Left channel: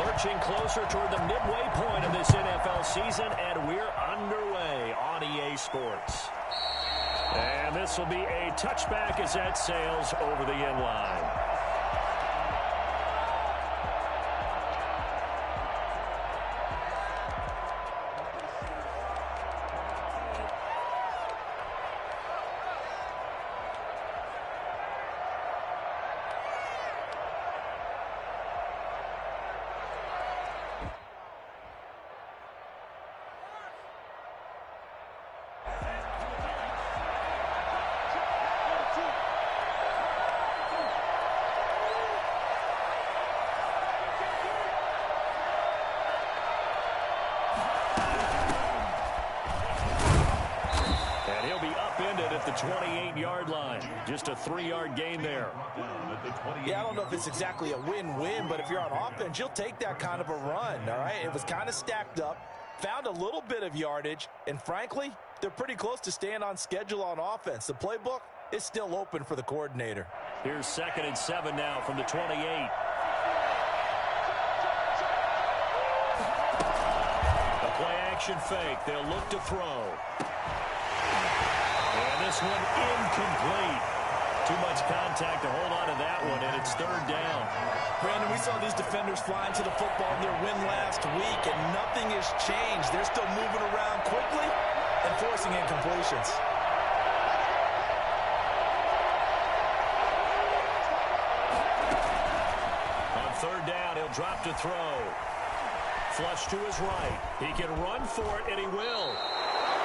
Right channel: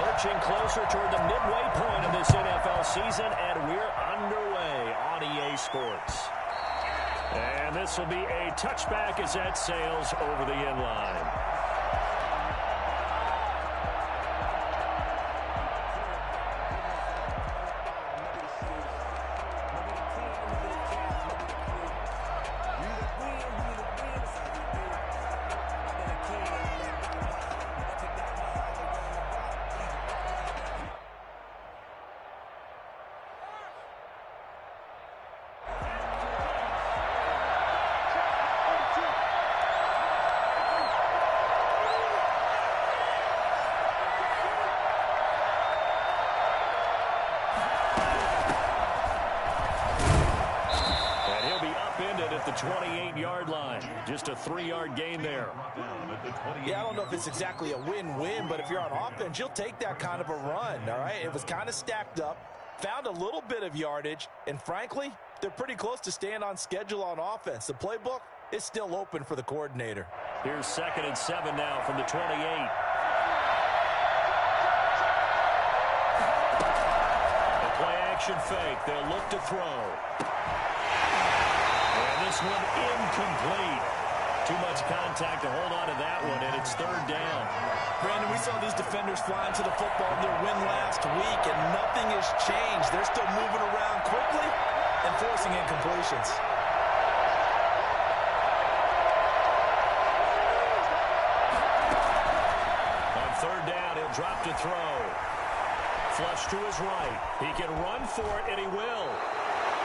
Lurching closer toward the midway point of this NFL season, and we're underway on EA Sports. And this will be a touchback as that sails over the end line. At the 28-yard line. Just a 3-yard gain there. Yeah, I don't know if it's exactly a win-win, but if you're on offense, you'll take that kind of a run, all right? It was kind of stacked up, found a little bit of yardage, and frankly, they're pretty close to staying on schedule on offense. The playbook is still open for the coordinator. Here's 2nd and 7 now from the 28. The play-action fake. They'll look to throw. And this one incomplete. Too much contact to hold on to that one, and it's 3rd down. Brandon, we saw these defenders flying to the football in their win last week, and nothing has changed. They're still moving around quickly and forcing incompletions. On 3rd down, he'll drop to throw. Flush to his right. He can run for it, and he will.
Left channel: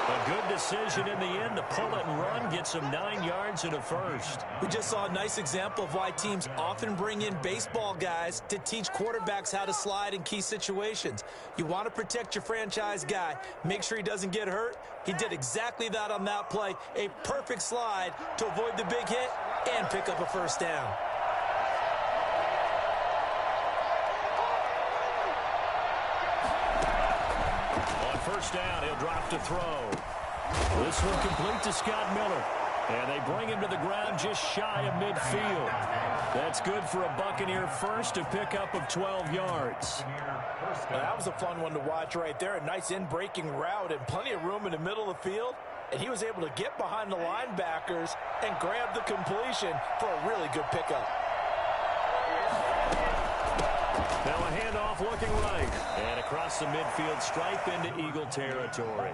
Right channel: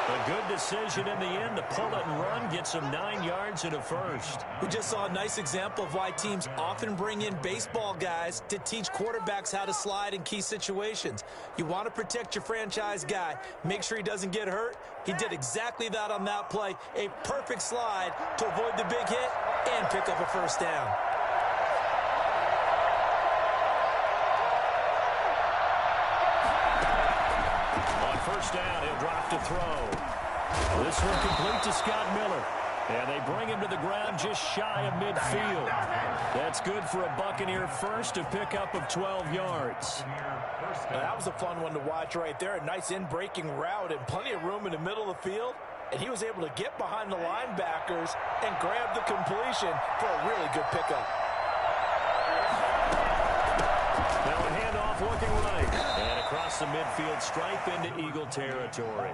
A good decision in the end to pull it and run, gets him 9 yards and a first. We just saw a nice example of why teams often bring in baseball guys to teach quarterbacks how to slide in key situations. You want to protect your franchise guy. Make sure he doesn't get hurt. He did exactly that on that play. A perfect slide to avoid the big hit and pick up a first down. On 1st down, he'll drop to throw. This one complete to Scott Miller. And they bring him to the ground just shy of midfield. That's good for a Buccaneer first, a pickup of 12 yards. That was a fun one to watch right there. A nice in-breaking route and plenty of room in the middle of the field. And he was able to get behind the linebackers and grab the completion for a really good pickup. Now a handoff looking right. And across the midfield stripe into Eagle territory.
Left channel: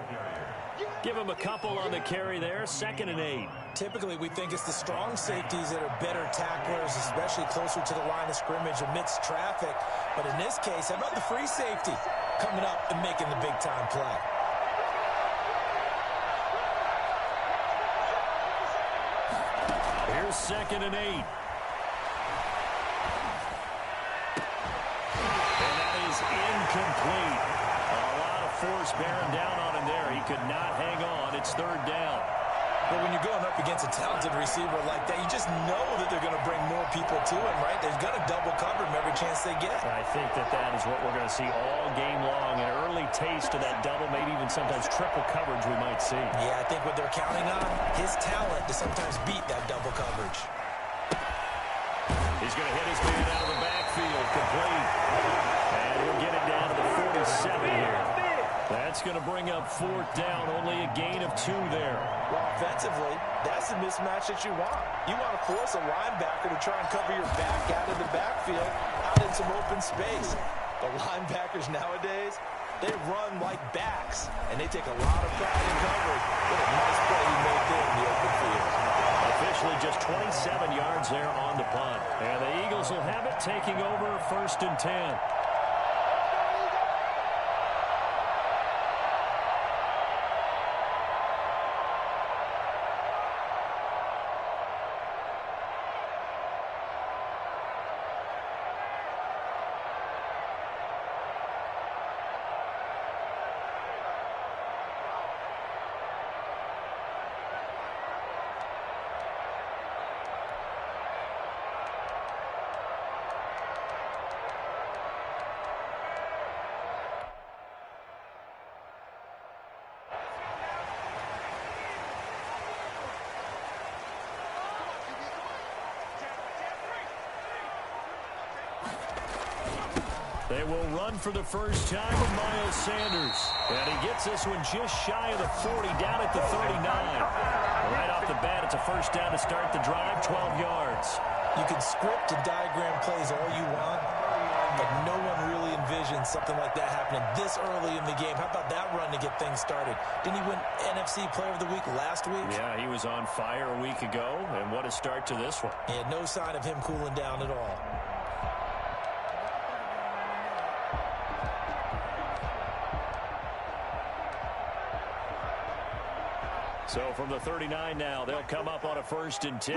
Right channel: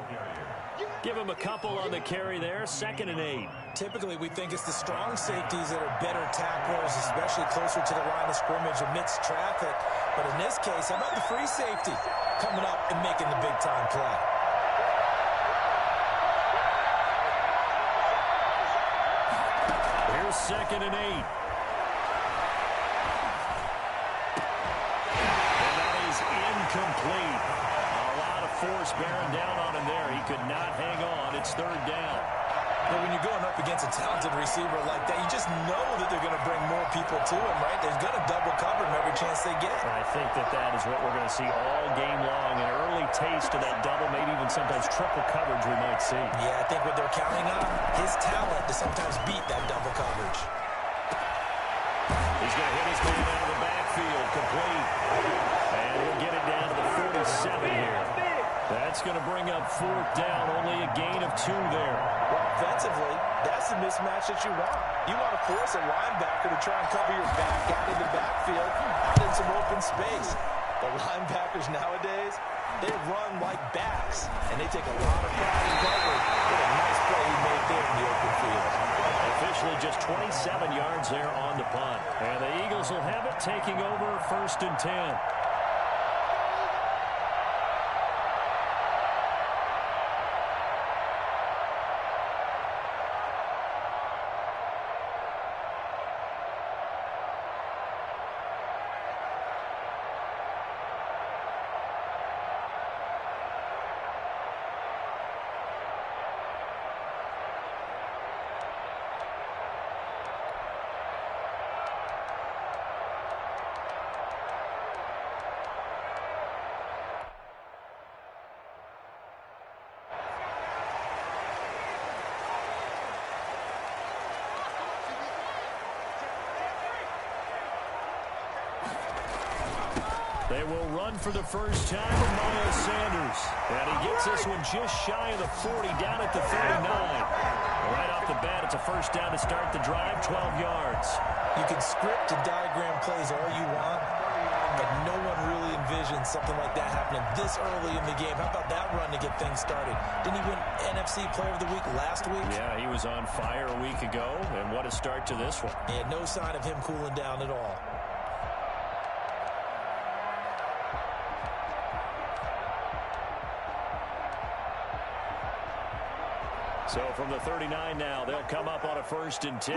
Give him a couple on the carry there. 2nd and 8. Typically, we think it's the strong safeties that are better tacklers, especially closer to the line of scrimmage amidst traffic. But in this case, how about the free safety coming up and making the big-time play? Here's 2nd and 8. Incomplete. A lot of force bearing down on him there. He could not hang on. It's 3rd down. But when you're going up against a talented receiver like that, you just know that they're going to bring more people to him, right? They're going to double cover him every chance they get. I think that is what we're going to see all game long. An early taste of that double, maybe even sometimes triple coverage we might see. Yeah, I think what they're counting on, his talent to sometimes beat that double coverage. He's going to hit his man out of the backfield, complete. And he'll get it down to the 47 here. That's going to bring up 4th down, only a gain of 2 there. Well, offensively, that's the mismatch that you want. You want to force a linebacker to try and cover your back out of the backfield, out in some open space. The linebackers nowadays, they run like backs, and they take a lot of pride in coverage. What a nice play he made there in the open field. Officially just 27 yards there on the punt. And the Eagles will have it, taking over 1st and 10. They will run for the first time with Miles Sanders. And he gets this one just shy of the 40, down at the 39. Right off the bat, it's a first down to start the drive, 12 yards. You can script and diagram plays all you want, but no one really envisions something like that happening this early in the game. How about that run to get things started? Didn't he win NFC Player of the Week last week? Yeah, he was on fire a week ago, and what a start to this one. And no sign of him cooling down at all. So from the 39 now, they'll come up on a 1st and 10.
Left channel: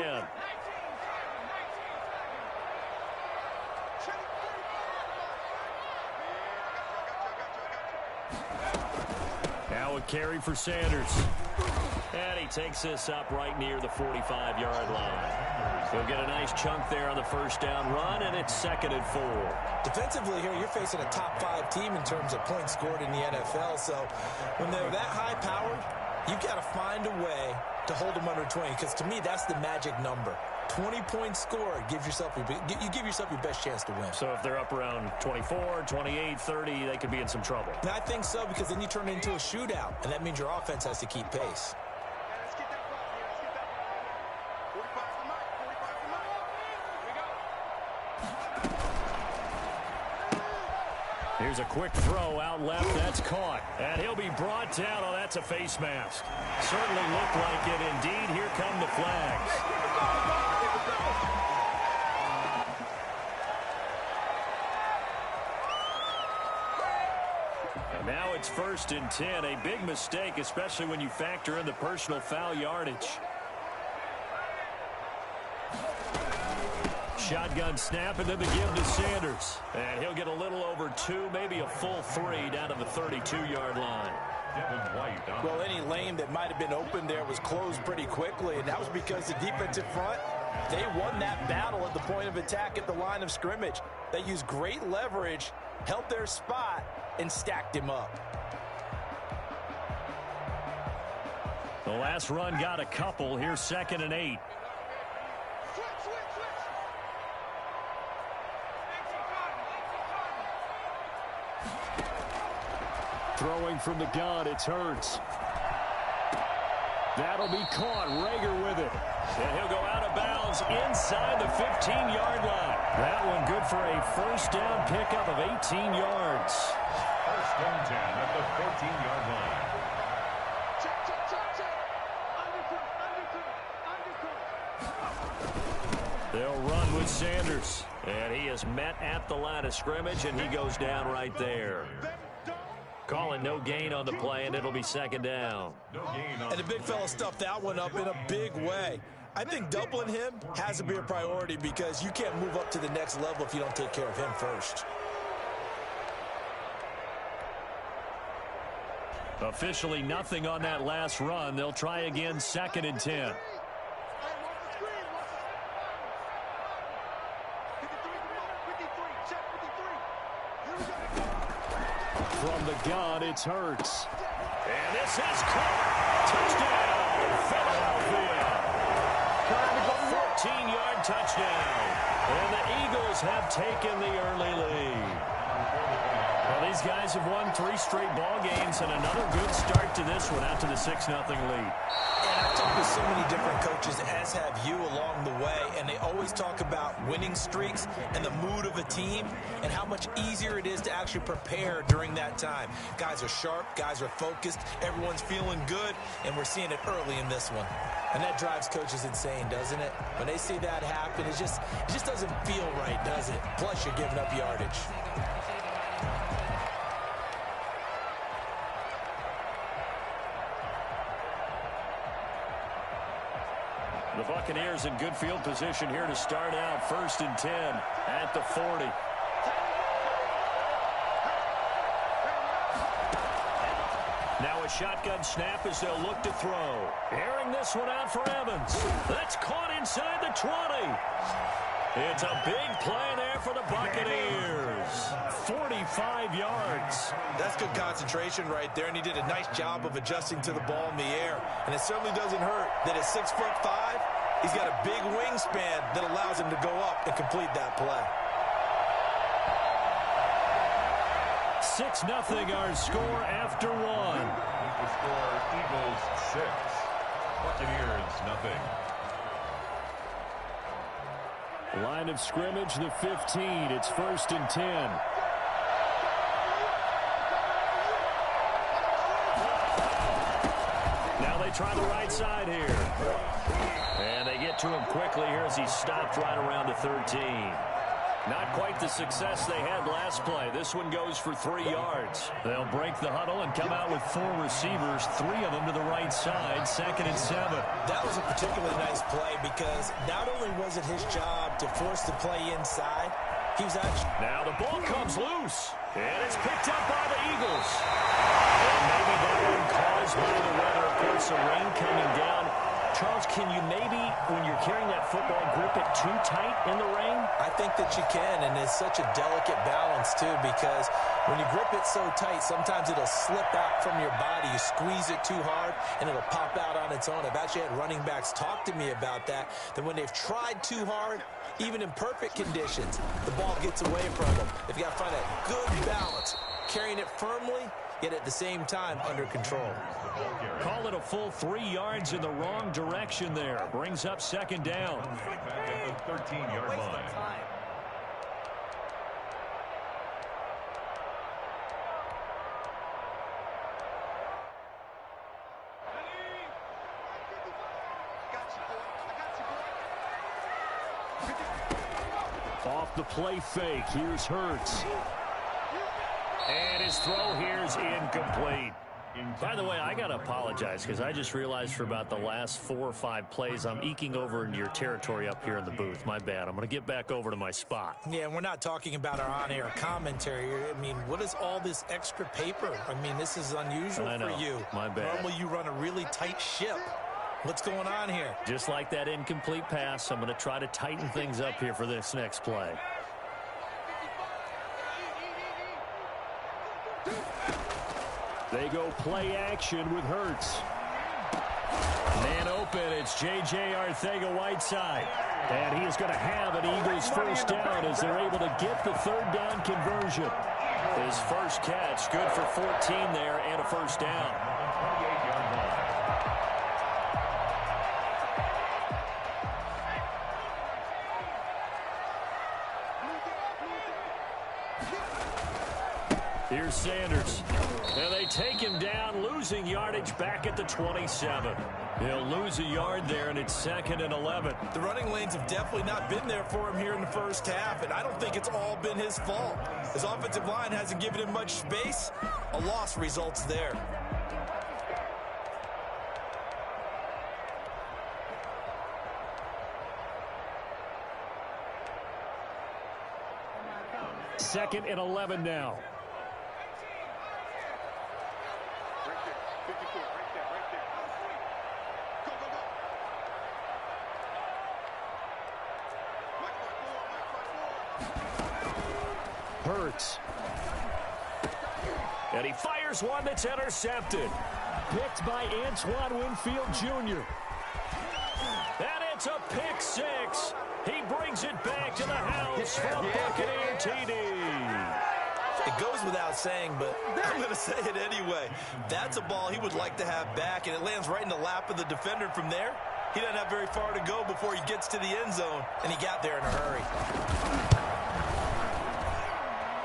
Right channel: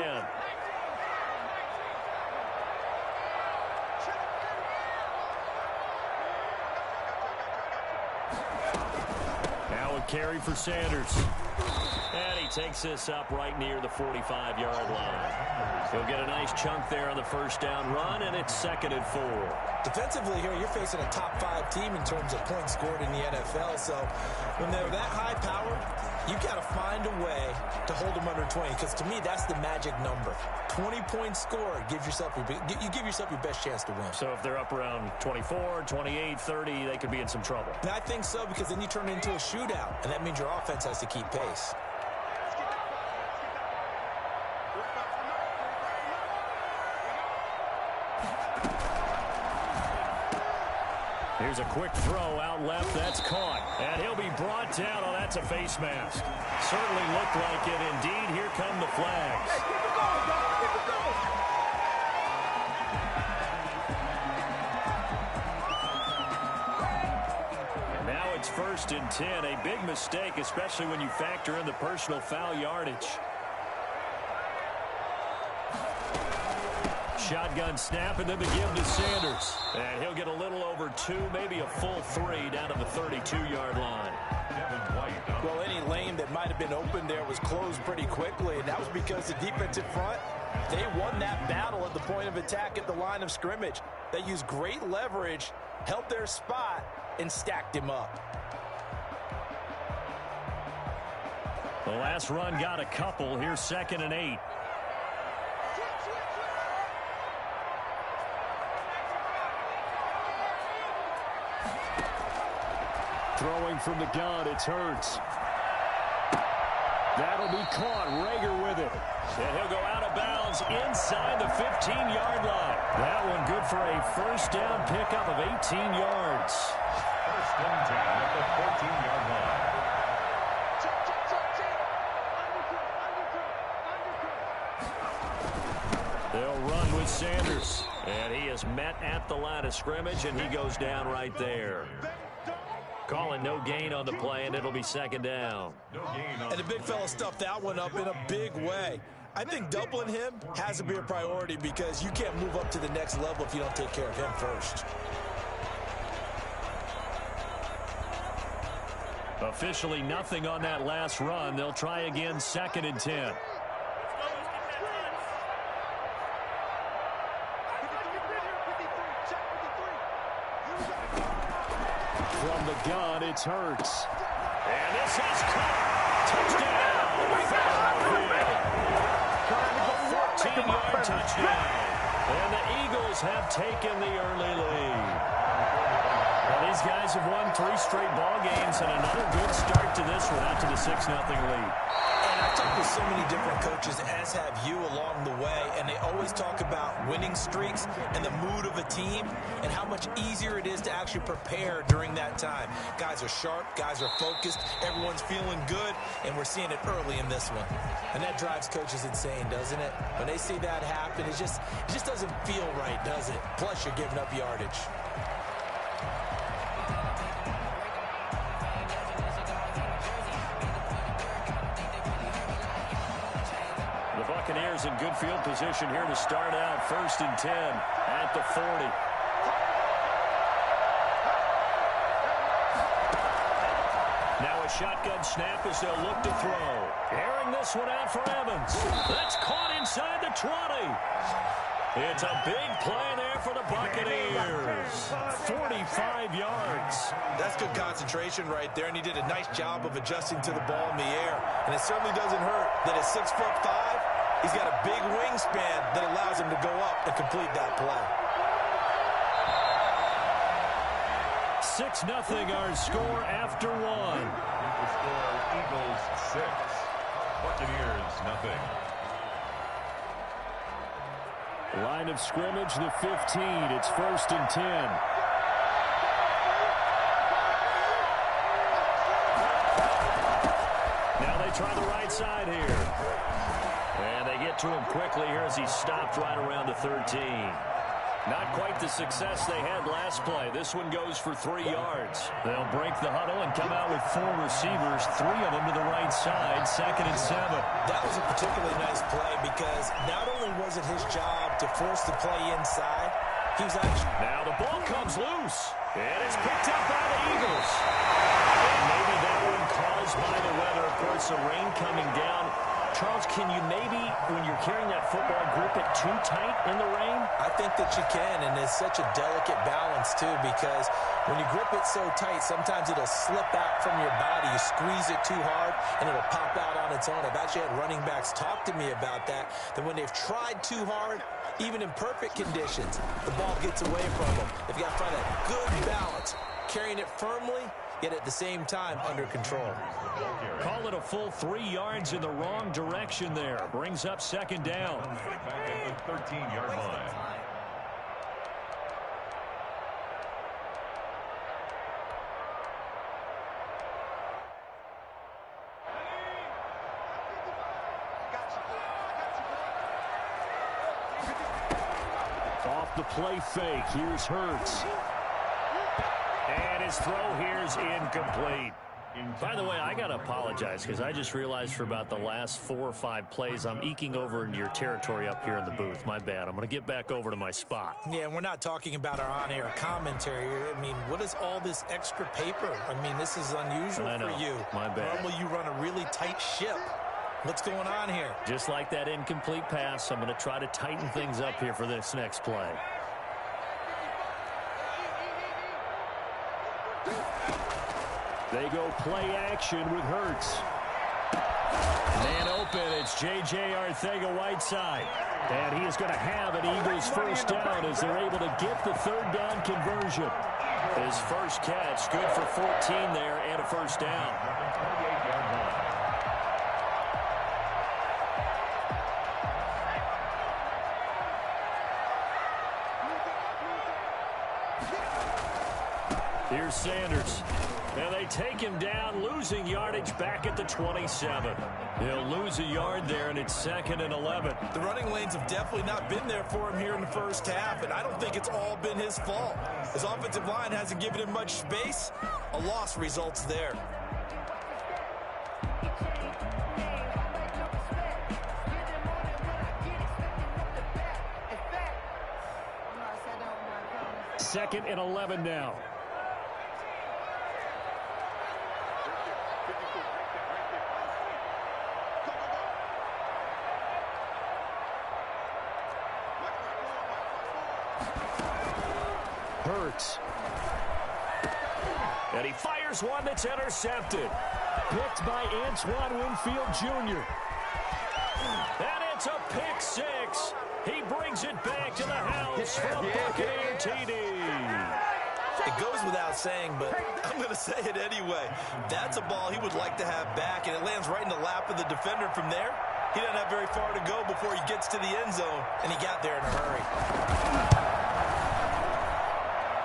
Now a carry for Sanders. And he takes this up right near the 45-yard line. He'll get a nice chunk there on the first down run, and it's 2nd and 4. Defensively here, you're facing a top 5 team in terms of points scored in the NFL. So when they're that high-powered, you've got to find a way to hold them under 20, because to me, that's the magic number. 20 points scored, you give yourself your best chance to win. So if they're up around 24, 28, 30, they could be in some trouble. And I think so, because then you turn it into a shootout, and that means your offense has to keep pace. Here's a quick throw out left. That's caught. And he'll be brought down. Oh, that's a face mask. Certainly looked like it. Indeed, here come the flags. And now it's 1st and 10. A big mistake, especially when you factor in the personal foul yardage. Shotgun snap, and then the give to Sanders. And he'll get a little over 2, maybe a full 3 down to the 32-yard line. Well, any lane that might have been open there was closed pretty quickly, and that was because the defensive front, they won that battle at the point of attack at the line of scrimmage. They used great leverage, held their spot, and stacked him up. The last run got a couple. Here's 2nd and 8. Throwing from the gun, it's Hurts. That'll be caught. Rager with it. And he'll go out of bounds inside the 15-yard line. That one good for a first down pickup of 18 yards. 1st and 10 at the 14-yard line. They'll run with Sanders. And he is met at the line of scrimmage, and he goes down right there. Calling no gain on the play, and it'll be 2nd down. And the big fella stuffed that one up in a big way. I think doubling him has to be a priority, because you can't move up to the next level if you don't take care of him first. Officially nothing on that last run. They'll try again, 2nd and 10. From the gun, it's Hurts. And this is caught. Touchdown, Philadelphia. A 14-yard touchdown. And the Eagles have taken the early lead. Well, these guys have won 3 straight ball games, and another good start to this one, out to the 6-0 lead. And I've talked with so many different coaches, as have you, along the way, and they always talk about winning streaks and the mood of a team and how much easier it is to actually prepare during that time. Guys are sharp, guys are focused, everyone's feeling good, and we're seeing it early in this one. And that drives coaches insane, doesn't it? When they see that happen, it just doesn't feel right, does it? Plus, you're giving up yardage. The Buccaneers in good field position here to start out. 1st and 10 at the 40. Now a shotgun snap as they'll look to throw. Airing this one out for Evans. That's caught inside the 20. It's a big play there for the Buccaneers. 45 yards. That's good concentration right there, and he did a nice job of adjusting to the ball in the air. And it certainly doesn't hurt that at 6'5", he's got a big wingspan that allows him to go up and complete that play. 6-0 our score after one. The score, Eagles 6, Buccaneers 0. Line of scrimmage, the 15. It's 1st and 10. Now they try the right side here. And they get to him quickly here as he stopped right around the 13. Not quite the success they had last play. This one goes for 3 yards. They'll break the huddle and come out with 4 receivers, 3 of them to the right side, 2nd and 7. That was a particularly nice play because not only was it his job to force the play inside, he was actually... Now the ball comes loose, and it's picked up by the Eagles. And maybe that one caused by the weather. Of course, the rain coming down. Charles, can you maybe, when you're carrying that football, grip it too tight in the rain? I think that you can, and it's such a delicate balance, too, because when you grip it so tight, sometimes it'll slip out from your body. You squeeze it too hard, and it'll pop out on its own. I've actually had running backs talk to me about that when they've tried too hard, even in perfect conditions, the ball gets away from them. They've got to find that good balance, carrying it firmly, yet at the same time under control. Call it a full 3 yards in the wrong direction there. Brings up 2nd down. Back at the 13-yard line. Off the play fake, here's Hurts. And his throw here's incomplete. By the way, I got to apologize because I just realized for about the last 4 or 5 plays, I'm eking over into your territory up here in the booth. My bad. I'm going to get back over to my spot. Yeah, and we're not talking about our on-air commentary. I mean, what is all this extra paper? I mean, this is unusual for you. My bad. Normally you run a really tight ship. What's going on here? Just like that incomplete pass, I'm going to try to tighten things up here for this next play. They go play action with Hurts. Man open, it's J.J. Arcega-Whiteside. And he is going to have an Eagles first down as they're able to get the 3rd down conversion. His first catch, good for 14 there and a first down. 28-yard line. Here's Sanders. And they take him down, losing yardage back at the 27. He'll lose a yard there, and it's 2nd and 11. The running lanes have definitely not been there for him here in the first half, and I don't think it's all been his fault. His offensive line hasn't given him much space. A loss results there. Second and 11 now. Hurts. And he fires one that's intercepted. Picked by Antoine Winfield Jr. And it's a pick 6. He brings it back to the house from Buccaneer TD. It goes without saying, but I'm going to say it anyway. That's a ball he would like to have back, and it lands right in the lap of the defender from there. He doesn't have very far to go before he gets to the end zone, and he got there in a hurry.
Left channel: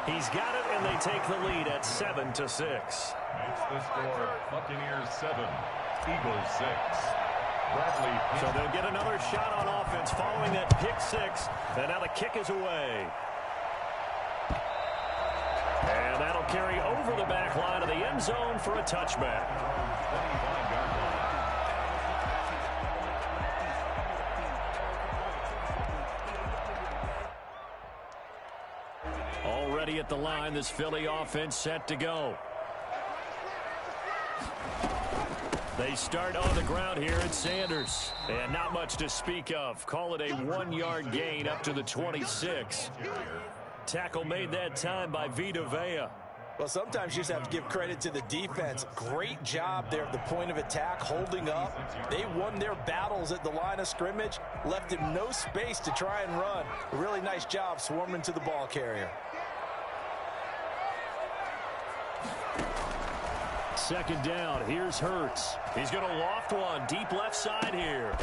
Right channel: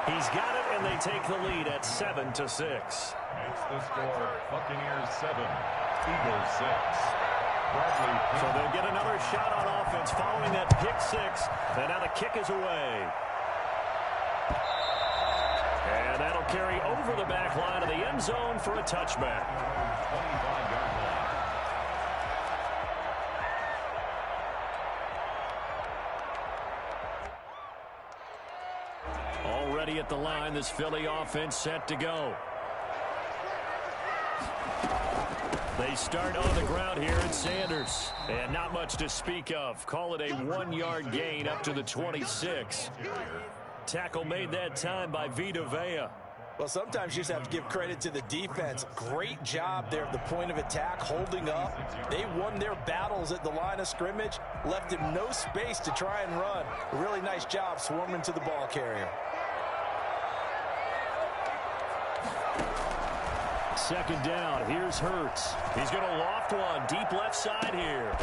He's got it, and they take the lead at 7-6. It's the score, Buccaneers 7, Eagles 6. Bradley. So they'll get another shot on offense following that pick 6, and now the kick is away. And that'll carry over the back line of the end zone for a touchback. 25-yard line. Already at the line, this Philly offense set to go. They start on the ground here at Sanders. And not much to speak of. Call it a 1-yard gain up to the 26. Tackle made that time by Vita Vea. Well, sometimes you just have to give credit to the defense. Great job there at the point of attack, holding up. They won their battles at the line of scrimmage, left him no space to try and run. A really nice job swarming to the ball carrier. Second down. Here's Hurts. He's going to loft one deep left side here.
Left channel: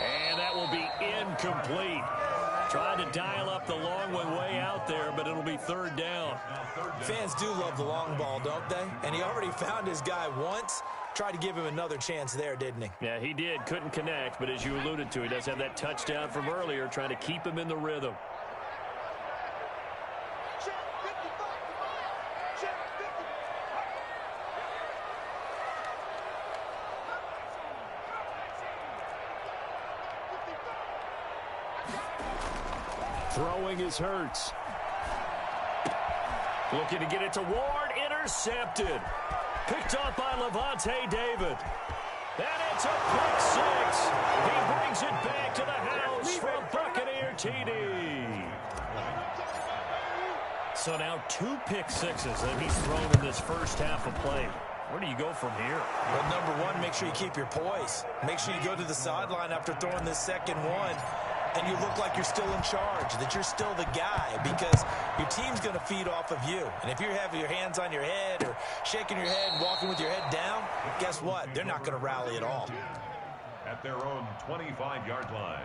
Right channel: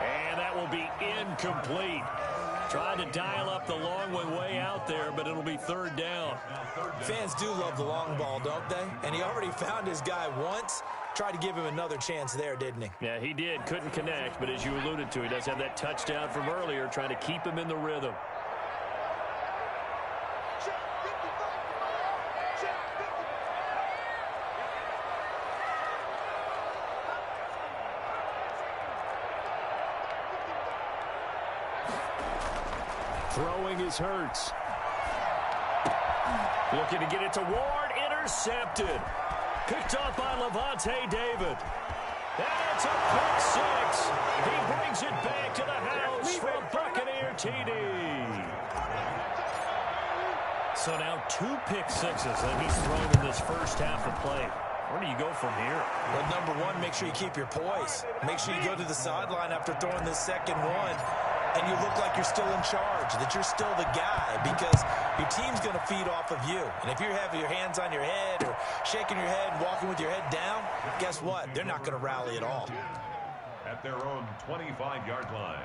And that will be incomplete. Trying to dial up the long one way out there, but it'll be third down. Fans do love the long ball, don't they? And he already found his guy once. Tried to give him another chance there, didn't he? Yeah, he did. Couldn't connect, but as you alluded to, he does have that touchdown from earlier, trying to keep him in the rhythm. Throwing is Hurts. Looking to get it to Ward. Intercepted. Picked off by Lavonte David. And it's a pick six. He brings it back to the house for a Buccaneer TD. So now 2 pick sixes that he's thrown in this first half of play. Where do you go from here? Well, number one, make sure you keep your poise. Make sure you go to the sideline after throwing this second one, and you look like you're still in charge, that you're still the guy, because your team's going to feed off of you. And if you're having your hands on your head or shaking your head, walking with your head down, guess what? They're not going to rally at all. At their own 25-yard line.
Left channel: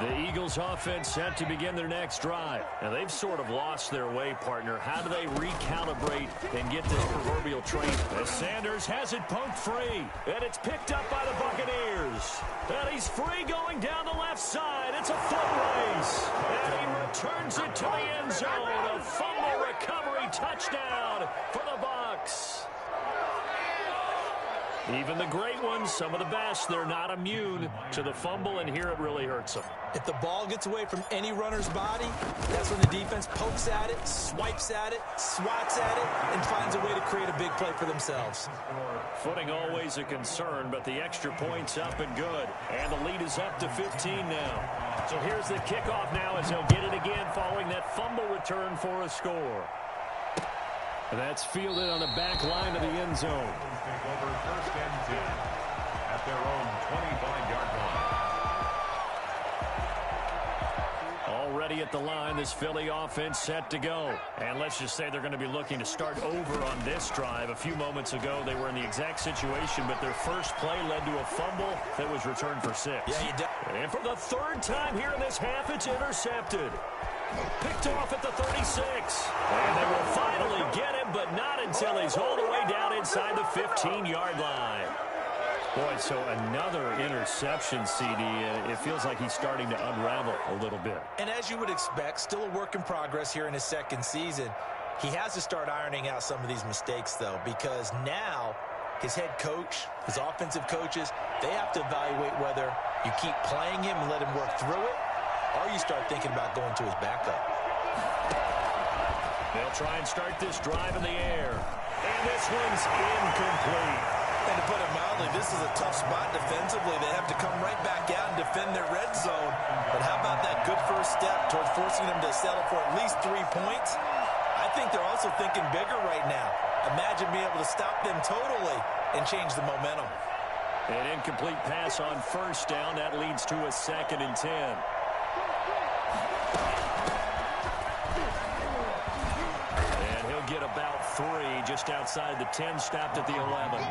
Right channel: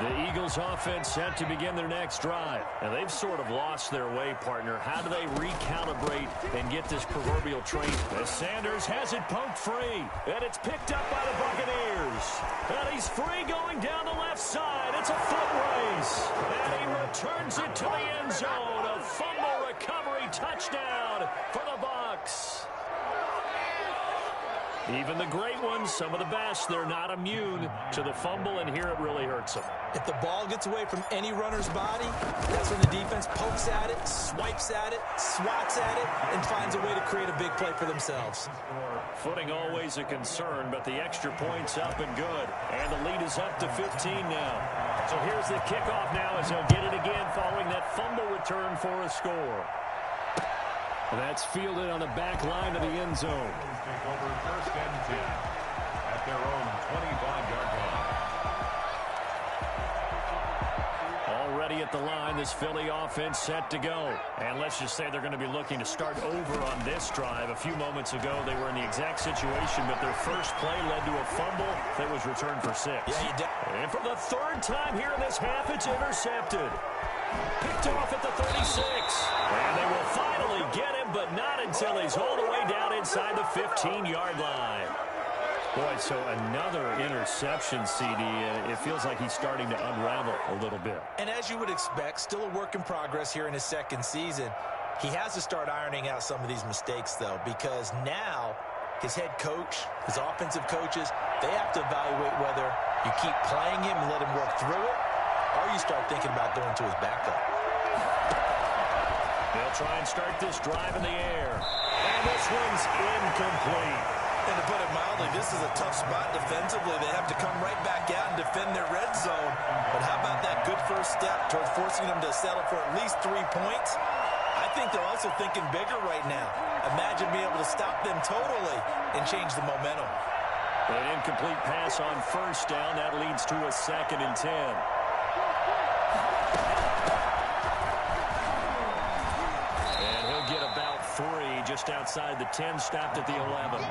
The Eagles offense set to begin their next drive. Now, they've sort of lost their way, partner. How do they recalibrate and get this proverbial train? As Sanders has it poked free, and it's picked up by the Buccaneers. And he's free going down the left side. It's a foot race. And he returns it to the end zone. A fumble recovery touchdown for the Bucs. Even the great ones, some of the best, they're not immune to the fumble, and here it really hurts them. If the ball gets away from any runner's body, that's when the defense pokes at it, swipes at it, swats at it, and finds a way to create a big play for themselves. Footing always a concern, but the extra point's up and good. And the lead is up to 15 now. So here's the kickoff now as they'll get it again following that fumble return for a score. And that's fielded on the back line of the end zone. Take over first and 10 at their own 25-yard line. Already at the line, this Philly offense set to go. And let's just say they're going to be looking to start over on this drive. A few moments ago, they were in the exact situation, but their first play led to a fumble that was returned for 6. And for the third time here in this half, it's intercepted. Picked off at the 36. And they will finally get him, but not until he's all the way down inside the 15-yard line. Boy, so another interception, CD. It feels like he's starting to unravel a little bit. And as you would expect, still a work in progress here in his second season. He has to start ironing out some of these mistakes, though, because now his head coach, his offensive coaches, they have to evaluate whether you keep playing him and let him work through it, or you start thinking about going to his backup. They'll try and start this drive in the air. And this one's incomplete. And to put it mildly, this is a tough spot defensively. They have to come right back out and defend their red zone. But how about that good first step towards forcing them to settle for at least 3 points? I think they're also thinking bigger right now. Imagine being able to stop them totally and change the momentum. An incomplete pass on first down. That leads to a 2nd and 10. Get about 3 just outside the 10, stopped at the 11.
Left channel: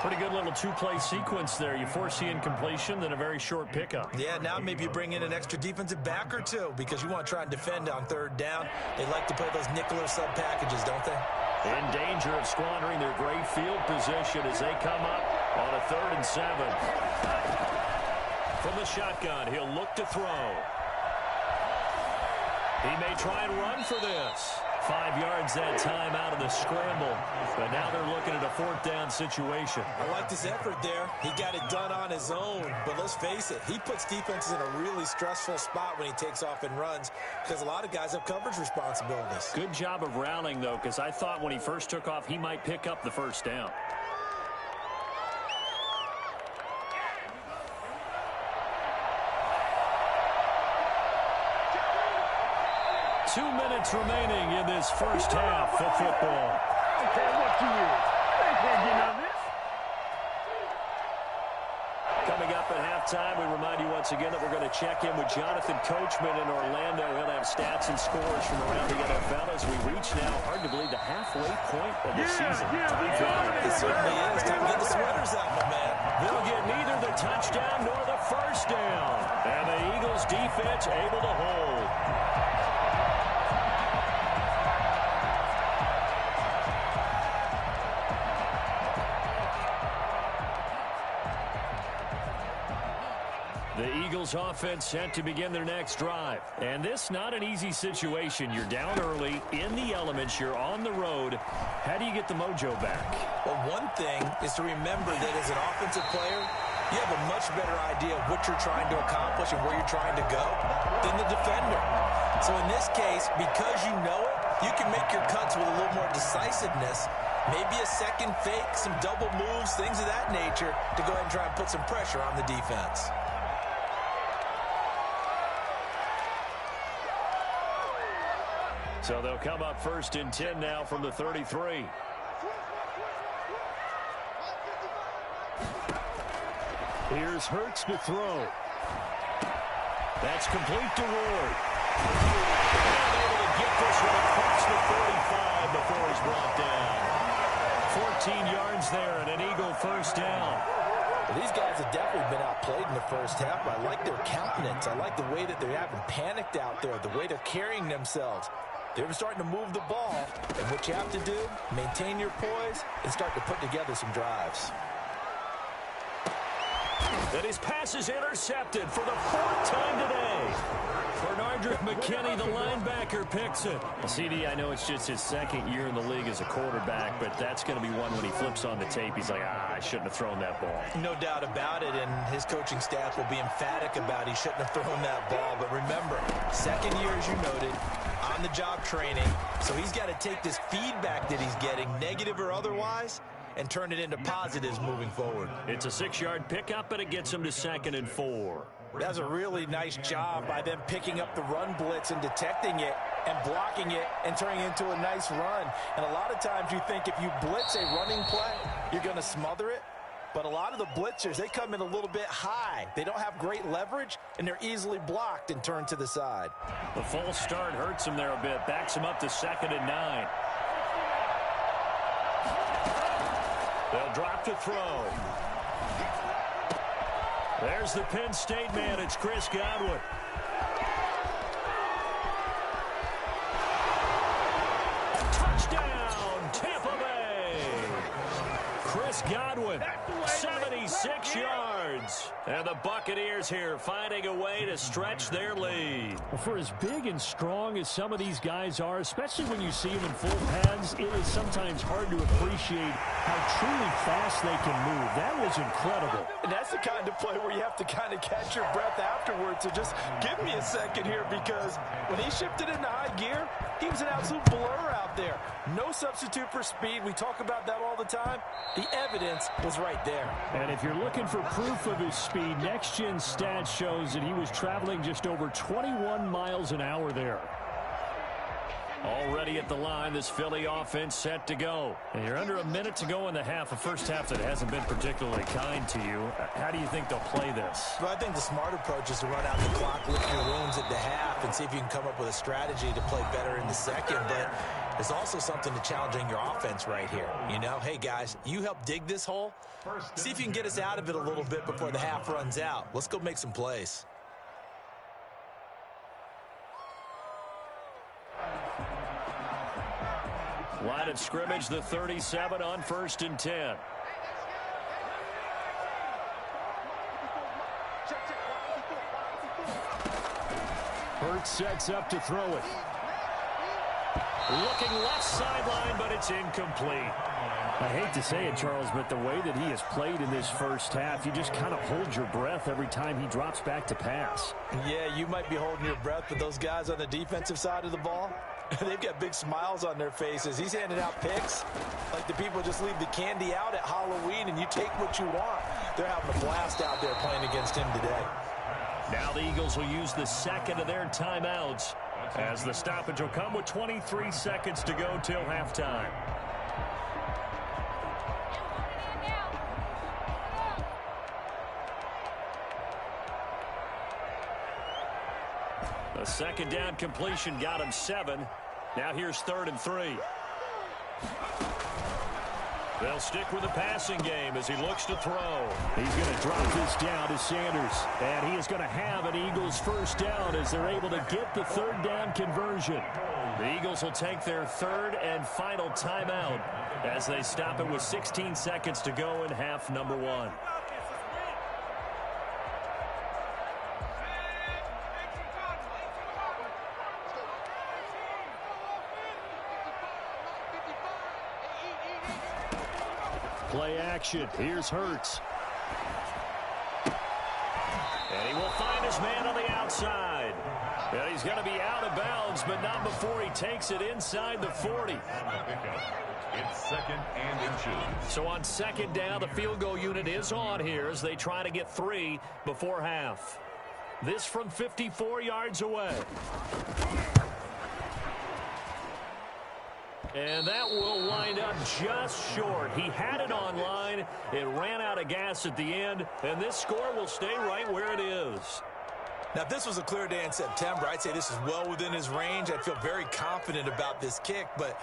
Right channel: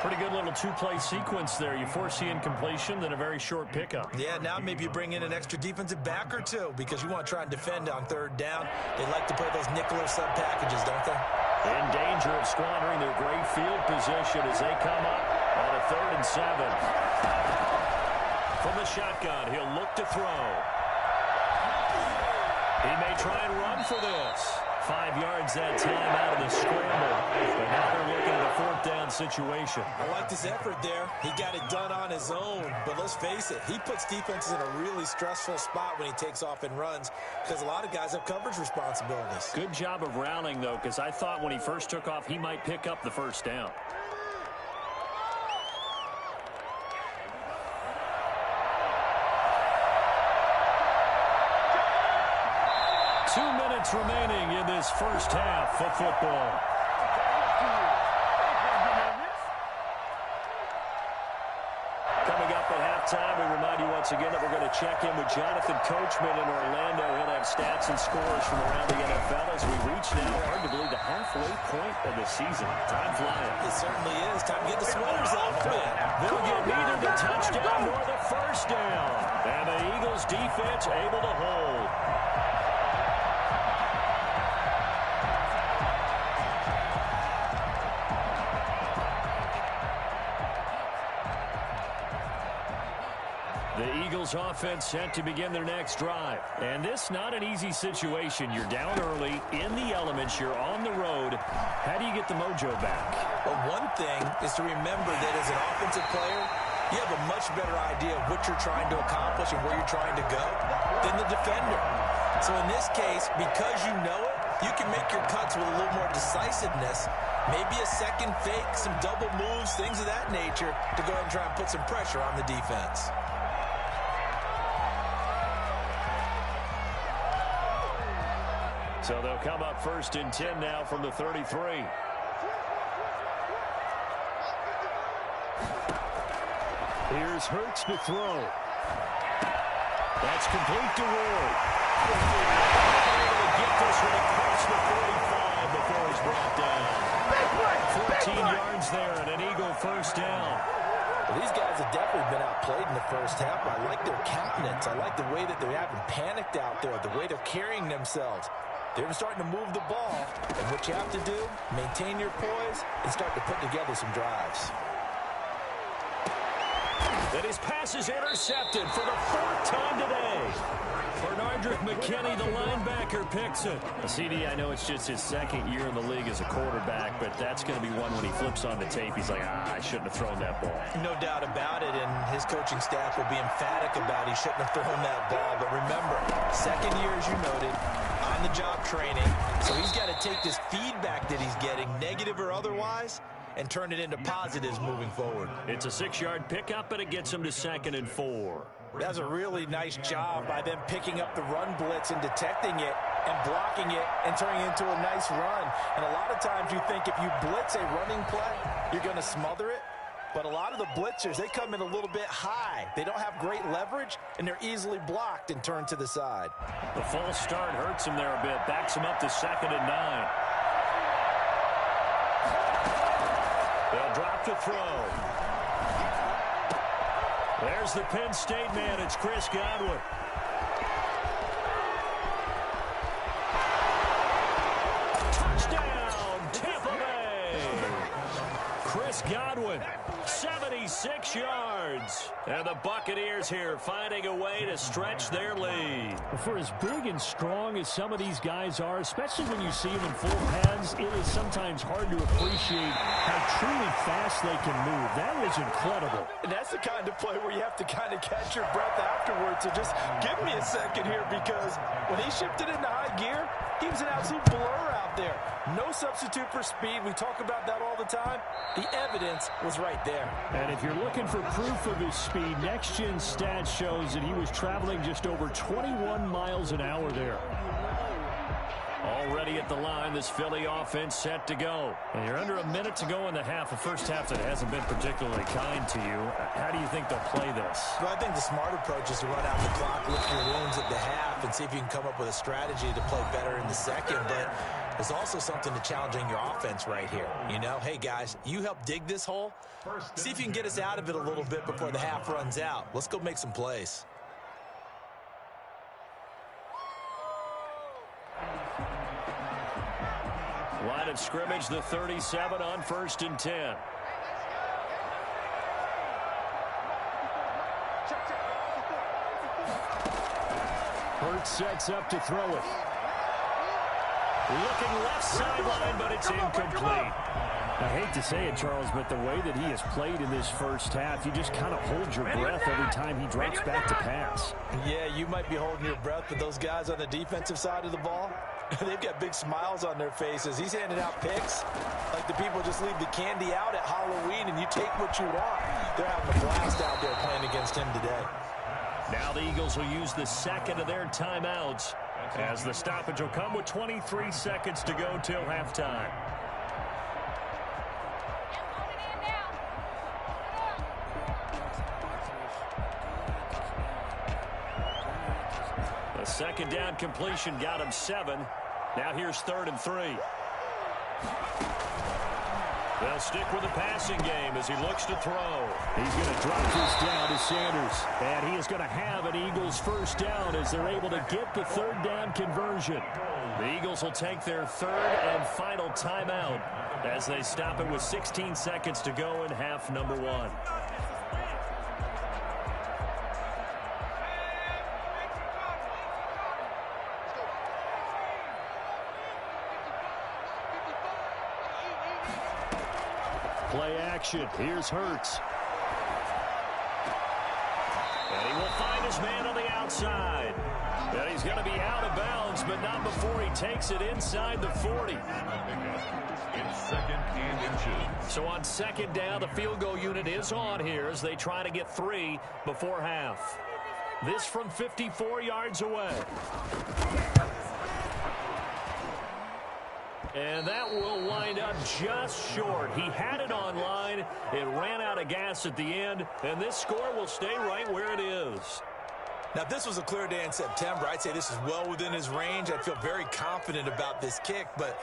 Pretty good little 2-play sequence there. You force the incompletion, then a very short pickup. Yeah, now maybe you bring in an extra defensive back or 2 because you want to try and defend on 3rd down. They like to play those nickel or sub packages, don't they? In danger of squandering their great field position as they come up on a 3rd and 7. From the shotgun, he'll look to throw. He may try and run for this. 5 yards that time out of the scramble. But now they're looking at a 4th down situation. I like this effort there. He got it done on his own. But let's face it, he puts defenses in a really stressful spot when he takes off and runs because a lot of guys have coverage responsibilities. Good job of rounding, though, because I thought when he first took off, he might pick up the 1st down. Two minutes remaining in this first half of football. Coming up at halftime, we remind you once again that we're going to check in with Jonathan Coachman in Orlando. He'll have stats and scores from around the NFL as we reach now, hard to believe, the halfway point of the season. Time flying. It certainly is. Time to get the sweaters out, my man. They'll get neither the touchdown nor the first down. And the Eagles defense able to hold. The Eagles offense set to begin their next drive. And this not an easy situation. You're down early, in the elements, you're on the road. How do you get the mojo back? Well, one thing is to remember that as an offensive player, you have a much better idea of what you're trying to accomplish and where you're trying to go than the defender. So in this case, because you know it, you can make your cuts with a little more decisiveness, maybe a second fake, some double moves, things of that nature, to go ahead and try and put some pressure on the defense. So they'll come up 1st and 10 now from the 33. Here's Hurts to throw. That's complete to Ward. And able to get this one across the 45 before he's brought down. 14 yards there and an Eagle first down. Well, these guys have definitely been outplayed in the first half. I like their countenance. I like the way that they haven't panicked out there, the way they're carrying themselves. They're starting to move the ball, and what you have to do, maintain your poise and start to put together some drives. And his pass is intercepted for the 4th time today. Bernardrick McKinney, the linebacker, picks it. CD, I know it's just his 2nd year in the league as a quarterback, but that's going to be one when he flips on the tape. He's like, I shouldn't have thrown that ball. No doubt about it, and his coaching staff will be emphatic about he shouldn't have thrown that ball. But remember, 2nd year, as you noted, on-the-job training. So he's got to take this feedback that he's getting, negative or otherwise, and turn it into positives moving forward. It's a 6-yard pickup, and it gets him to 2nd and 4. That's a really nice job by them picking up the run blitz and detecting it and blocking it and turning it into a nice run. And a lot of times you think if you blitz a running play, you're going to smother it. But a lot of the blitzers, they come in a little bit high. They don't have great leverage, and they're easily blocked and turned to the side. The false start hurts him there a bit. Backs him up to 2nd and 9. They'll drop to throw. There's the Penn State man. It's Chris Godwin. Touchdown, Tampa Bay. Chris Godwin, 76 yards. And the Buccaneers here finding a way to stretch their lead. For as big and strong as some of these guys are, especially when you see them in full pads, it is sometimes hard to appreciate how truly fast they can move. That was incredible. And that's the kind of play where you have to kind of catch your breath afterwards. So just give me a second here, because when he shifted into high gear, he was an absolute blur out there. No substitute for speed. We talk about that all the time. The evidence was right there. And if you're looking for proof of his speed, Next Gen Stats shows that he was traveling just over 21 miles an hour there. Already at the line, this Philly offense set to go. And you're under a minute to go in the half, a first half that hasn't been particularly kind to you. How do you think they'll play this? Well, I think the smart approach is to run out the clock, lick your wounds at the half, and see if you can come up with a strategy to play better in the second. But there's also something to challenging your offense right here. You know, hey, guys, you help dig this hole. See if you can get us out of it a little bit before the half runs out. Let's go make some plays. Line of scrimmage, the 37 on 1st and 10. Hurts sets up to throw it. Looking left sideline, but it's incomplete. I hate to say it, Charles, but the way that he has played in this first half, you just kind of hold your breath every time he drops back to pass. Yeah, you might be holding your breath, but those guys on the defensive side of the ball, they've got big smiles on their faces. He's handing out picks like the people just leave the candy out at Halloween and you take what you want. They're having a blast out there playing against him today. Now the Eagles will use the second of their timeouts as the stoppage will come with 23 seconds to go till halftime. A second down completion got him 7. Now here's 3rd and 3. They'll stick with the passing game as he looks to throw. He's going to drop this down to Sanders. And he is going to have an Eagles first down as they're able to get the 3rd down conversion. The Eagles will take their 3rd and final timeout as they stop it with 16 seconds to go in half number 1. Play action. Here's Hurts. And he will find his man on the outside. And he's going to be out of bounds, but not before he takes it inside the 40. It's 2nd and inches. So on 2nd down, the field goal unit is on here as they try to get 3 before half. This from 54 yards away. And that will wind up just short. He had it on line. It ran out of gas at the end, and this score will stay right where it is. Now, if this was a clear day in September, I'd say this is well within his range. I'd feel very confident about this kick, but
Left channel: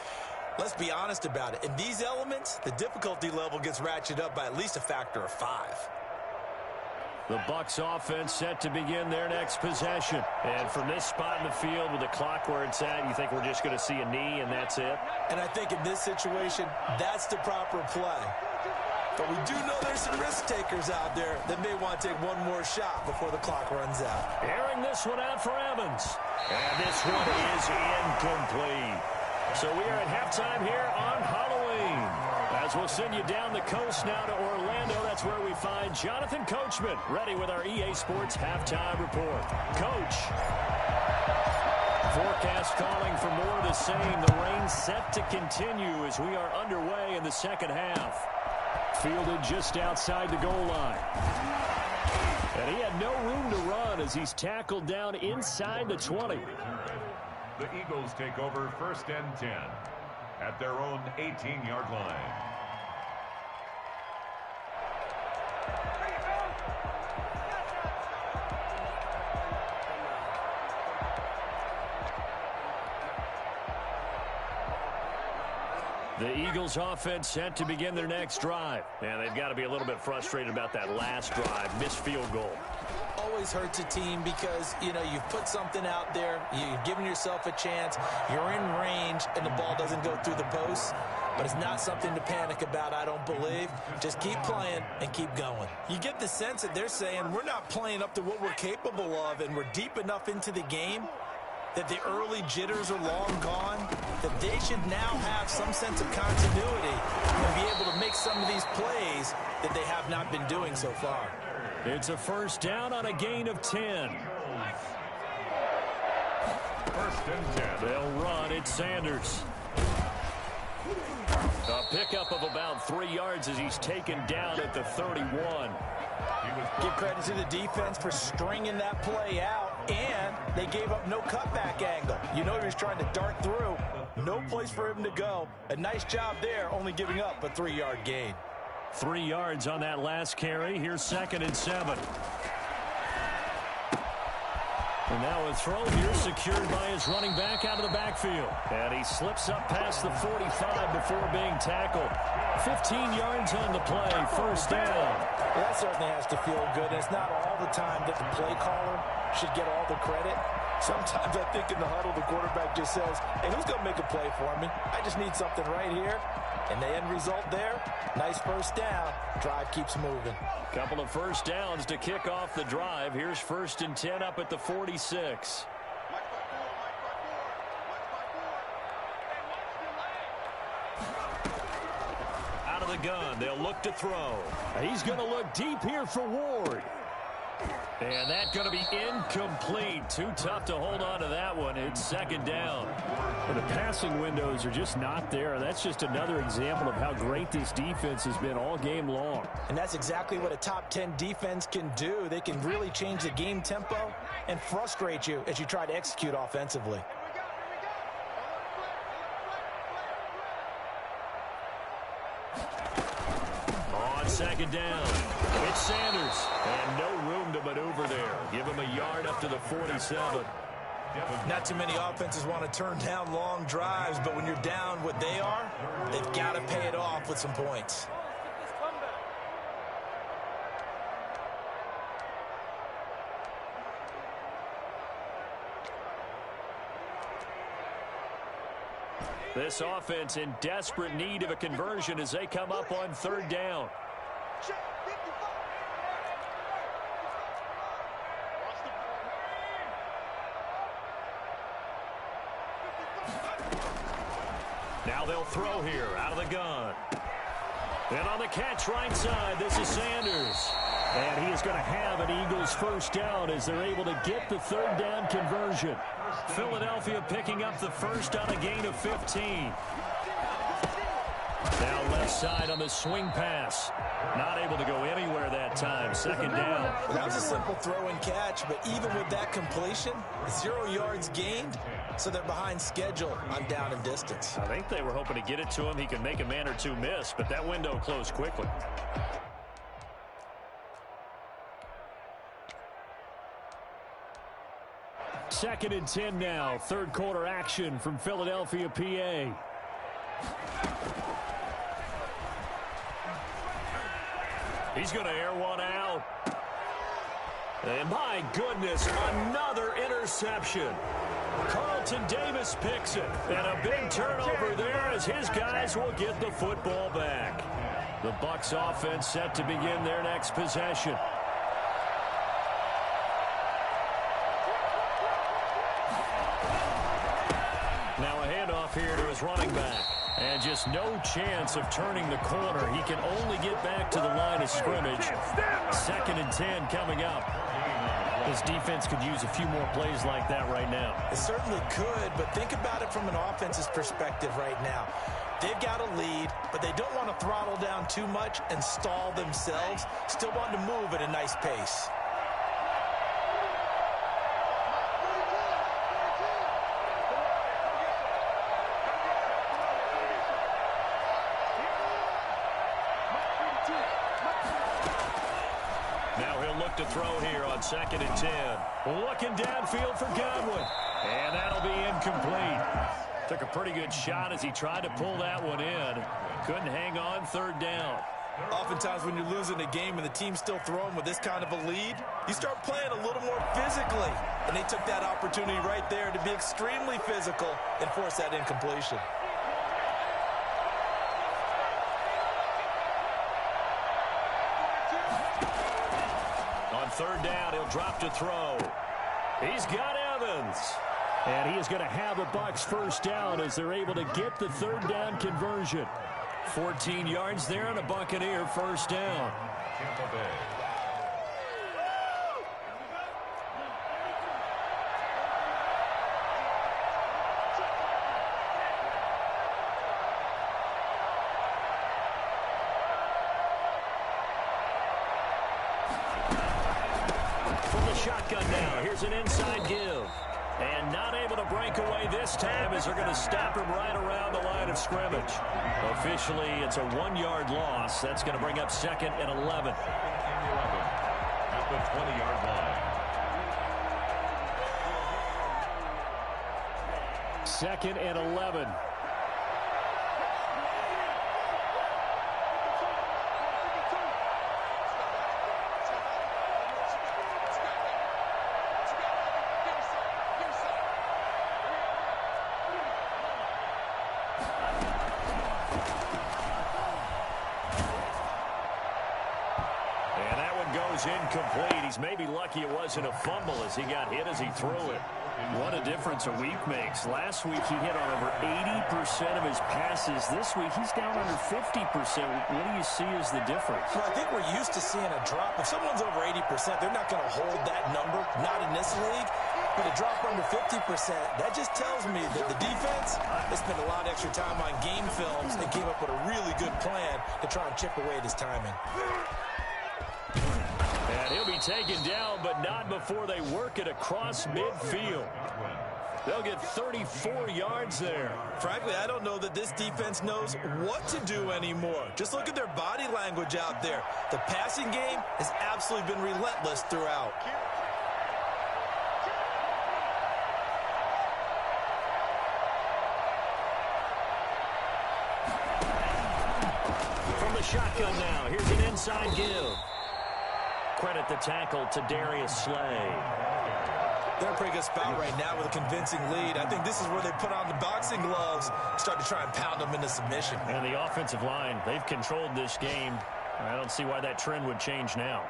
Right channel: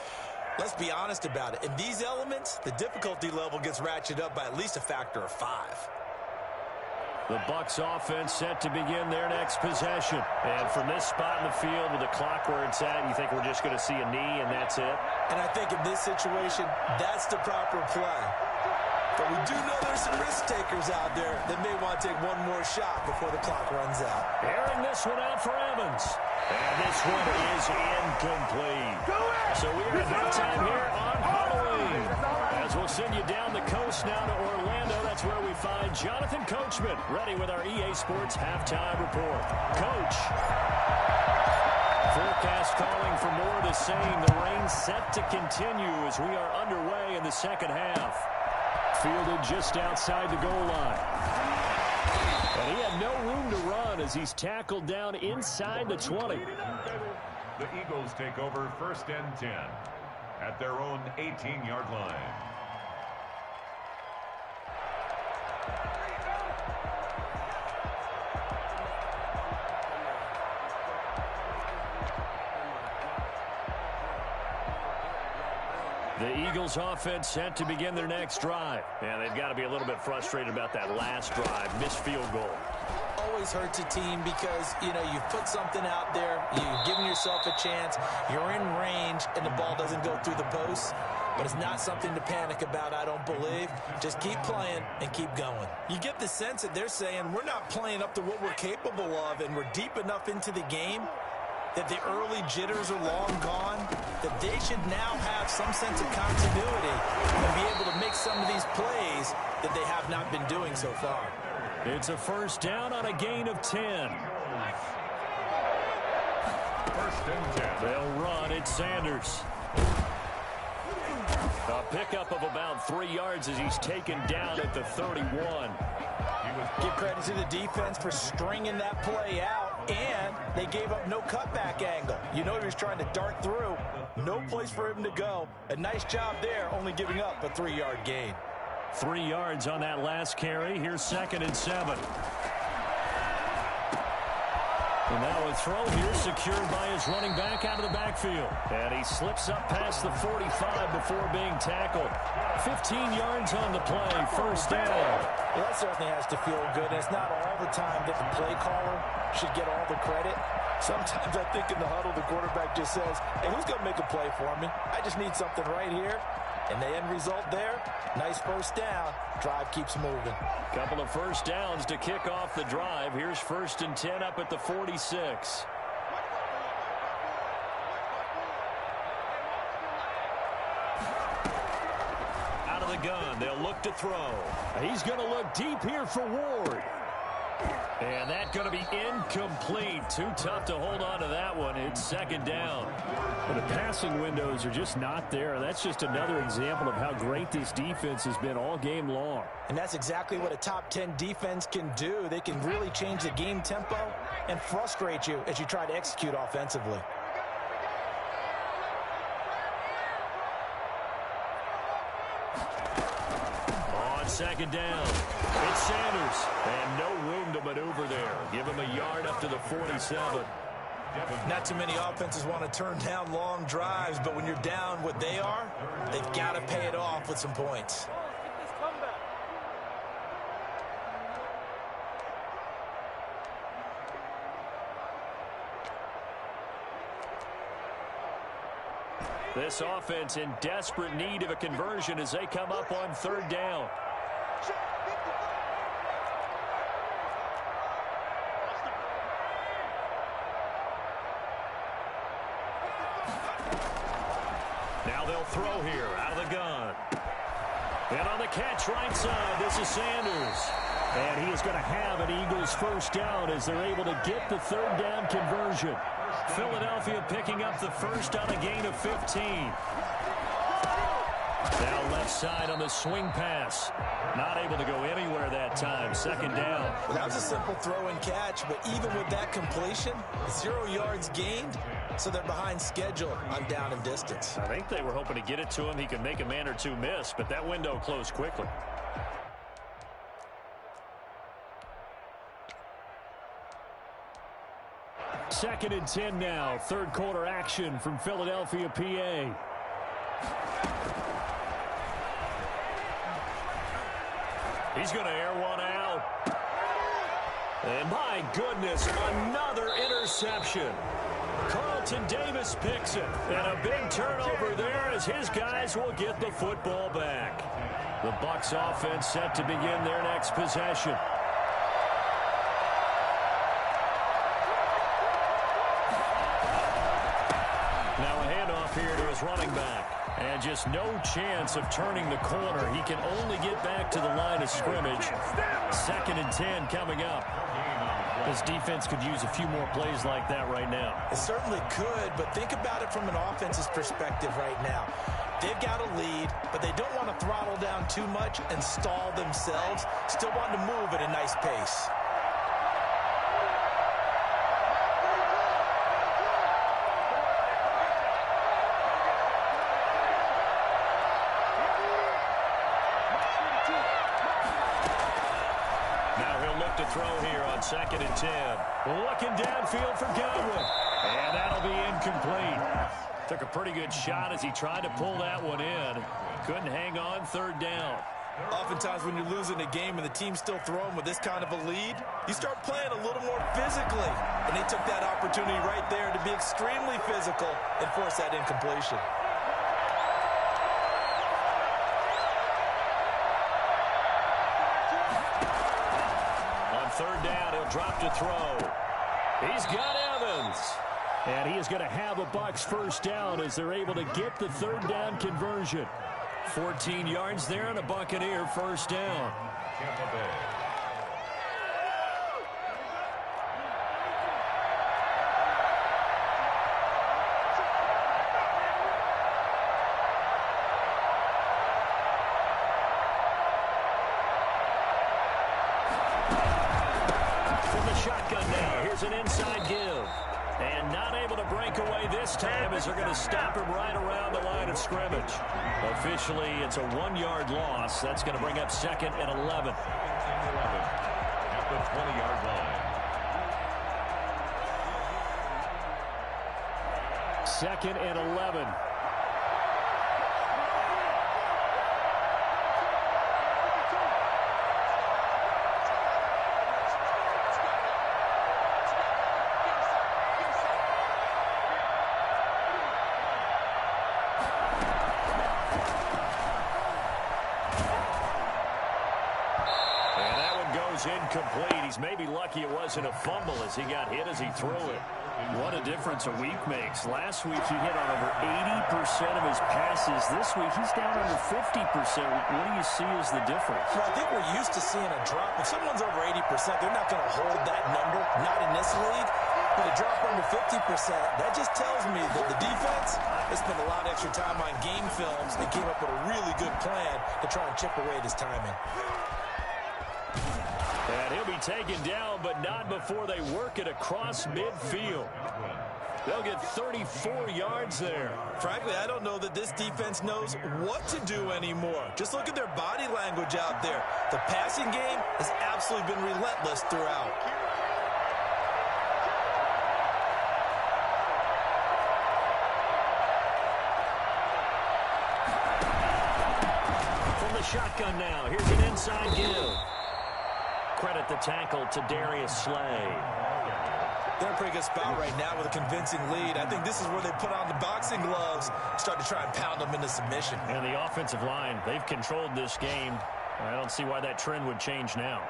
let's be honest about it. In these elements, the difficulty level gets ratcheted up by at least a factor of 5. The Bucs offense set to begin their next possession. And from this spot in the field with the clock where it's at, you think we're just going to see a knee and that's it? And I think in this situation, that's the proper play. But we do know there's some risk takers out there that may want to take one more shot before the clock runs out. Airing this one out for Evans. And this one is incomplete. So we are at halftime here on Halloween. As we'll send you down the coast now to Orlando, that's where we find Jonathan Coachman, ready with our EA Sports Halftime Report. Coach. Forecast calling for more of the same. The rain set to continue as we are underway in the second half. Fielded just outside the goal line. And he had no room to run as he's tackled down inside the 20. The Eagles take over 1st and 10 at their own 18-yard line. The Eagles offense set to begin their next drive. And they've got to be a little bit frustrated about that last drive. Missed field goal. Always hurts a team because, you know, you've put something out there. You've given yourself a chance. You're in range, and the ball doesn't go through the post. But it's not something to panic about, I don't believe. Just keep playing and keep going. You get the sense that they're saying we're not playing up to what we're capable of, and we're deep enough into the game that the early jitters are long gone, that they should now have some sense of continuity and be able to make some of these plays that they have not been doing so far. It's a first down on a gain of 10. 1st and 10. They'll run. It's Sanders. A pickup of about 3 yards as he's taken down at the 31. Give credit to the defense for stringing that play out, and they gave up no cutback angle. You know he was trying to dart through. No place for him to go. A nice job there, only giving up a 3-yard gain. 3 yards on that last carry. Here's 2nd and 7. And now a throw here secured by his running back out of the backfield. And he slips up past the 45 before being tackled. 15 yards on the play, first down. Well, that certainly has to feel good, and it's not all the time that the play caller should get all the credit. Sometimes I think in the huddle, the quarterback just says, hey, who's going to make a play for me? I just need something right here. And the end result there, nice first down. Drive keeps moving. Couple of first downs to kick off the drive. Here's 1st and 10 up at the 46. Out of the gun, they'll look to throw. He's going to look deep here for Ward. And that's going to be incomplete. Too tough to hold on to that one. It's 2nd down. But the passing windows are just not there. That's just another example of how great this defense has been all game long. And that's exactly what a top 10 defense can do. They can really change the game tempo and frustrate you as you try to execute offensively. On 2nd down, it's Sanders. And no room to maneuver there. Give him a yard up to the 47. Not too many offenses want to turn down long drives, but when you're down what they are, they've got to pay it off with some points. This offense in desperate need of a conversion as they come up on third down. Now they'll throw here out of the gun. And on the catch right side, this is Sanders. And he is going to have an Eagles first down as they're able to get the third down conversion. Philadelphia picking up the first on a gain of 15. Now left side on the swing pass. Not able to go anywhere that time. Second down. Well, that was a simple throw and catch, but even with that completion, 0 yards gained, so they're behind schedule on down and distance. I think they were hoping to get it to him. He could make a man or two miss, but that window closed quickly. Second and 10 now. Third quarter action from Philadelphia, PA. He's going to air one out. And my goodness, another interception. Carlton Davis picks it. And a big turnover there as his guys will get the football back. The Bucs offense set to begin their next possession. Now a handoff here to his running back. And just no chance of turning the corner. He can only get back to the line of scrimmage. Second and 10 coming up. This defense could use a few more plays like that right now. It certainly could, but think about it from an offense's perspective right now. They've got a lead, but they don't want to throttle down too much and stall themselves. Still want to move at a nice pace. To throw here on second and 10. Looking downfield for Godwin. And that'll be incomplete. Took a pretty good shot as he tried to pull that one in. Couldn't hang on third down. Oftentimes when you're losing a game and the team's still throwing with this kind of a lead, you start playing a little more physically. And they took that opportunity right there to be extremely physical and force that incompletion. Third down, he'll drop to throw. He's got Evans. And he is going to have a Bucs first down as they're able to get the third down conversion. 14 yards there and a Buccaneer first down. Tampa Bay. Shotgun now. Here's an inside give. And not able to break away this time as they're going to stop him right around the line of scrimmage. Officially, it's a 1-yard loss. That's going to bring up second and 11. At the 20-yard line. Second and 11. Incomplete. He's maybe lucky it wasn't a fumble as he got hit as he threw it. What a difference a week makes. Last week he hit on over 80% of his passes. This week he's down under 50%. What do you see as the difference? Well, I think we're used to seeing a drop. If someone's over 80%, they're not going to hold that number. Not in this league. But a drop under 50%, that just tells me that the defense, they spent a lot of extra time on game films and came up with a really good plan to try and chip away at his timing. And he'll be taken down, but not before they work it across midfield. They'll get 34 yards there. Frankly, I don't know that this defense knows what to do anymore. Just look at their body language out there. The passing game has absolutely been relentless throughout. the shotgun now. Here's an inside give. Credit the tackle to Darius Slay. They're in a pretty good spot right now with a convincing lead. I think this is where they put on the boxing gloves, start to try and pound them into submission. And the offensive line, they've controlled this game. I don't see why that trend would change now.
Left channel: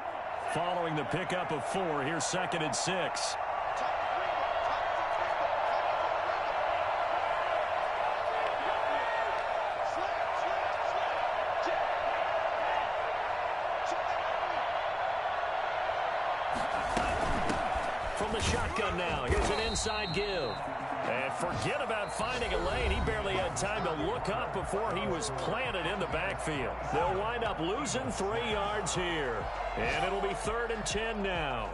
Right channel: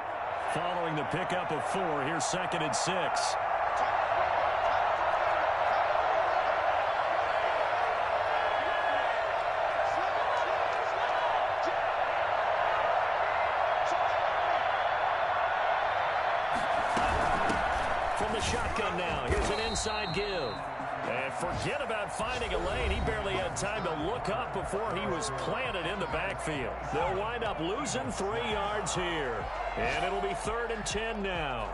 Following the pickup of 4, here's 2nd and 6. From the shotgun now, here's an inside give. And forget about finding a lane. He barely had time to look up before he was planted in the backfield. They'll wind up losing 3 yards here. And it'll be 3rd and 10 now.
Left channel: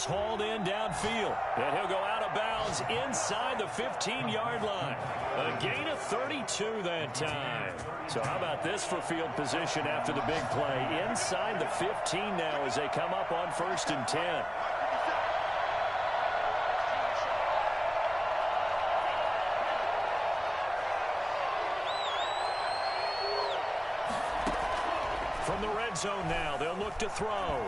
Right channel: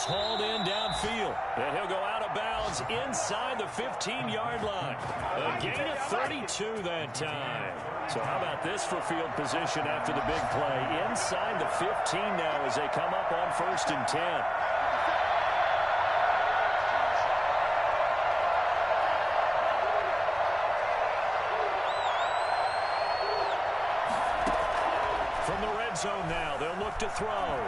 Hauled in downfield, and he'll go out of bounds inside the 15-yard line. A gain of 32 that time. So how about this for field position after the big play? Inside the 15 now as they come up on 1st and 10. From the red zone now, they'll look to throw.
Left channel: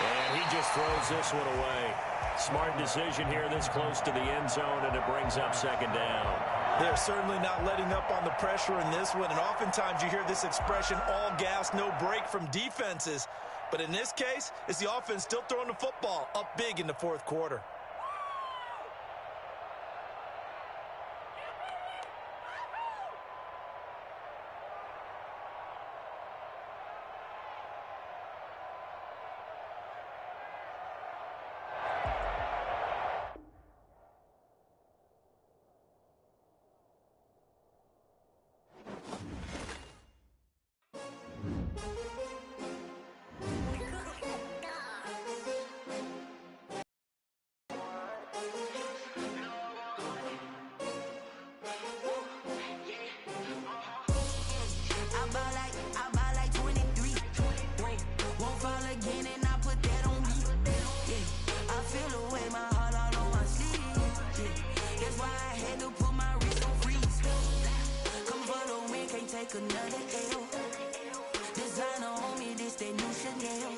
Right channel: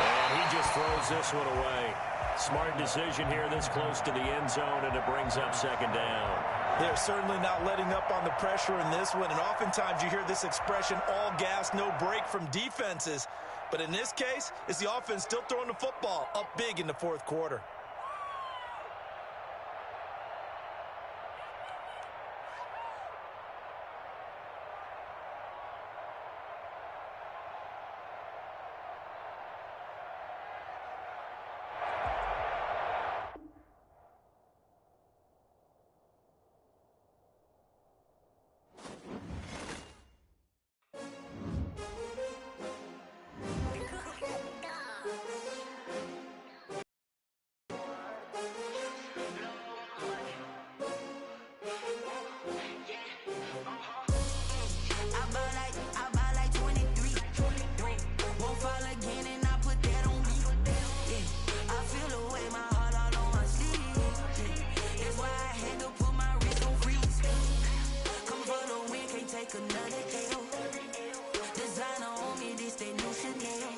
And he just throws this one away. Smart decision here this close to the end zone, and it brings up 2nd down. They're certainly not letting up on the pressure in this one, and oftentimes you hear this expression, all gas, no break from defenses. But in this case, it's the offense still throwing the football up big in the 4th quarter. Another L. Designer on me, this that new Chanel.